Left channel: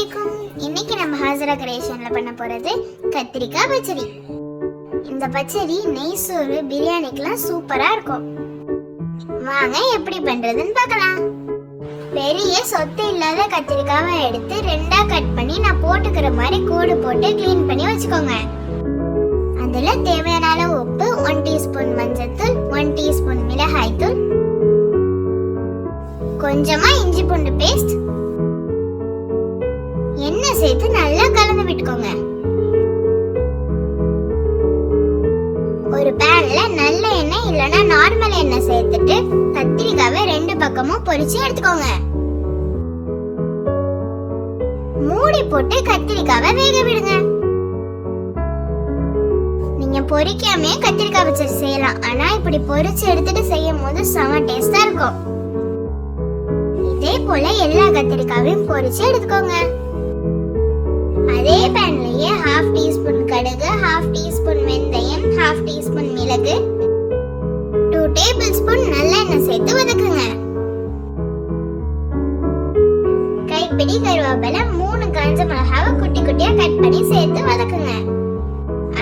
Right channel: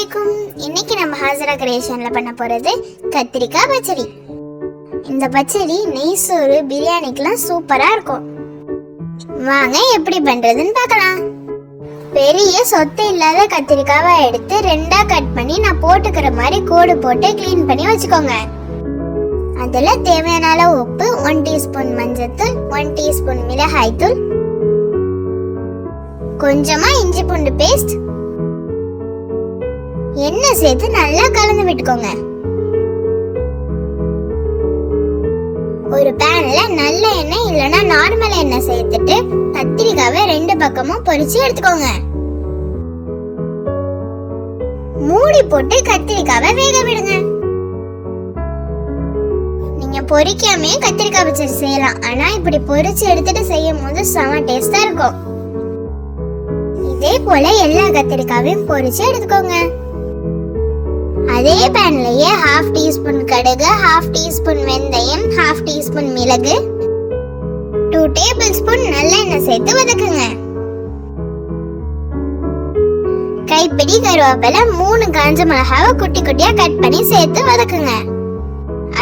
அலைக்கும். இன்னைக்கு நம்ம ஹாஜரா கிரியேஷன்ல பண்ண போறது கத்திரிக்காய் பச்சடி. இந்த பச்சடி நெய் சோறு பிரியாணிக்கெல்லாம் சூப்பரா இருக்கும். வாங்க எப்படி பண்றதுன்னு பார்க்கலாம். பெரிய சொத்து இல்லாத கத்திரிக்காவை எடுத்து ரெண்டா கட் பண்ணி நான் போட்டுக்கிற மாதிரி கோடு போட்டு க்ளீன் பண்ணி வச்சுக்கோங்க. அதுல தேவையான அளவு உப்பு, 1 டீஸ்பூன் மஞ்சள்தூள், 1 டீஸ்பூன் மிளகாய் தூள், கொஞ்சமா இஞ்சி பூண்டு பேஸ்ட், எண்ணெய் சேர்த்து நல்லா கலந்து விட்டுக்கோங்க. ஒரு பேன்ல நல்ல எண்ணெய் இல்லனா நார்மல் எண்ணெய் சேர்த்துட்டு கத்திரிக்காவை ரெண்டு பக்கமும் பொரிச்சு எடுத்துக்கோங்க. மூடி போட்டு கத்திரிக்காவை வேக விடுங்க. நீங்க பொரிக்காமே கத்திரிக்காய் பச்சடி செய்யலாம். ஆனா இப்படி பொரிச்சு எடுத்துட்டு செய்யும் போது செம டேஸ்டா இருக்கும். இதே போல எல்லா கத்திரிக்காவையும் பொரிச்சு எடுத்துக்கோங்க. அதே பேன்லயே 1/2 டீஸ்பூன் கடுகு, 1/2 டீஸ்பூன் வெந்தயம், 1/2 டீஸ்பூன் மிளகு, 2 டேபிள்ஸ்பூன் நல்லெண்ணெய் சேர்த்து வதக்குங்க. கைப்பிடி கருவேப்பிலை, 3 காஞ்ச மிளகாவை குட்டி குட்டியா கட் பண்ணி சேர்த்து வதக்குங்க.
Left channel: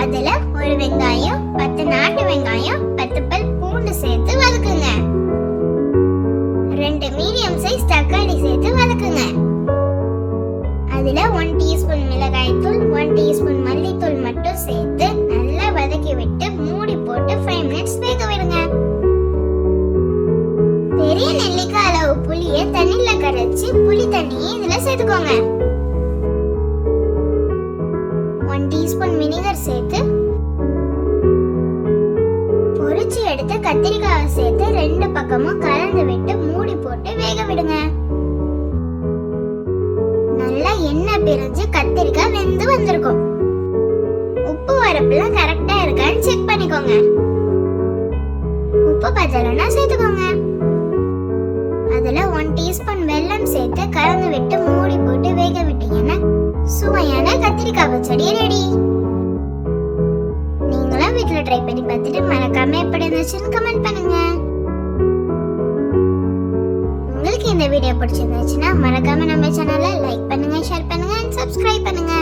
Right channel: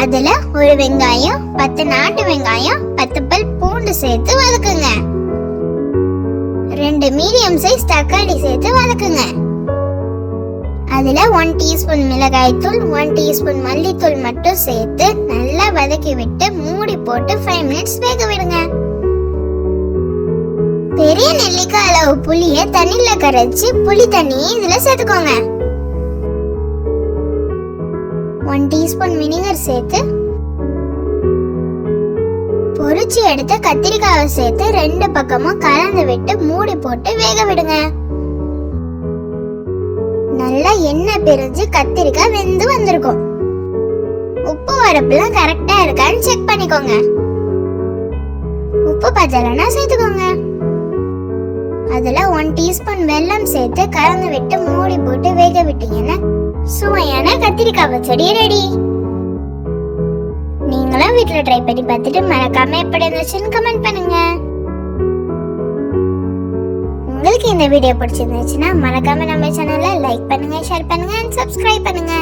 அதுல ஒரு வெங்காயம், 10 நாட்டு வெங்காயம், 10 பல் பூண்டு சேர்த்து வதக்குங்க. 2 மீடியம் சைஸ் தக்காளி சேர்த்து வதக்குங்க. அதுல 1 டீஸ்பூன் மிளகாய் தூள், 1 டீஸ்பூன் மல்லித்தூள் மட்டும் சேர்த்து நல்லா வதக்கி விட்டு மூடி போட்டு 5 மினிட்ஸ் வேக விடுங்க. பெரிய நெல்லிக்காய் அளவு புளிய தண்ணில கரைச்சு புளி தண்ணி இதுல சேர்த்துக்கோங்க. 1 டீஸ்பூன் வினிகர் சேர்த்து பொரிச்சு எடுத்து கத்திரிக்காவை சேர்த்து ரெண்டு பக்கமும் கலந்து விட்டு மூடி போட்டு வேக விடுங்க. நல்லா எண்ணெய் பிரிஞ்சு கத்திரிக்காய் வெந்து வந்திருக்கும். உப்பு வரப்புலாம் கரெக்டா இருக்கான்னு செக் பண்ணிக்கோங்க. உப்பு பத்தலைன்னா சேர்த்துக்கோங்க. அதுல 1 டீஸ்பூன் வெல்லம் சேர்த்து கலந்து விட்டு மூடி போட்டு வேக விட்டீங்கன்னா சுவையான கத்திரிக்காய் பச்சடி ரெடி. நீங்களும் வீட்டுல ட்ரை பண்ணி பார்த்துட்டு மறக்காம எப்படி இருந்துச்சுன்னு கமெண்ட் பண்ணுங்க. உங்களுக்கு இந்த வீடியோ பிடிச்சிருந்துச்சுன்னா மறக்காம நம்ம சேனலை லைக் பண்ணுங்க, ஷேர் பண்ணுங்க, சப்ஸ்கிரைப் பண்ணுங்க.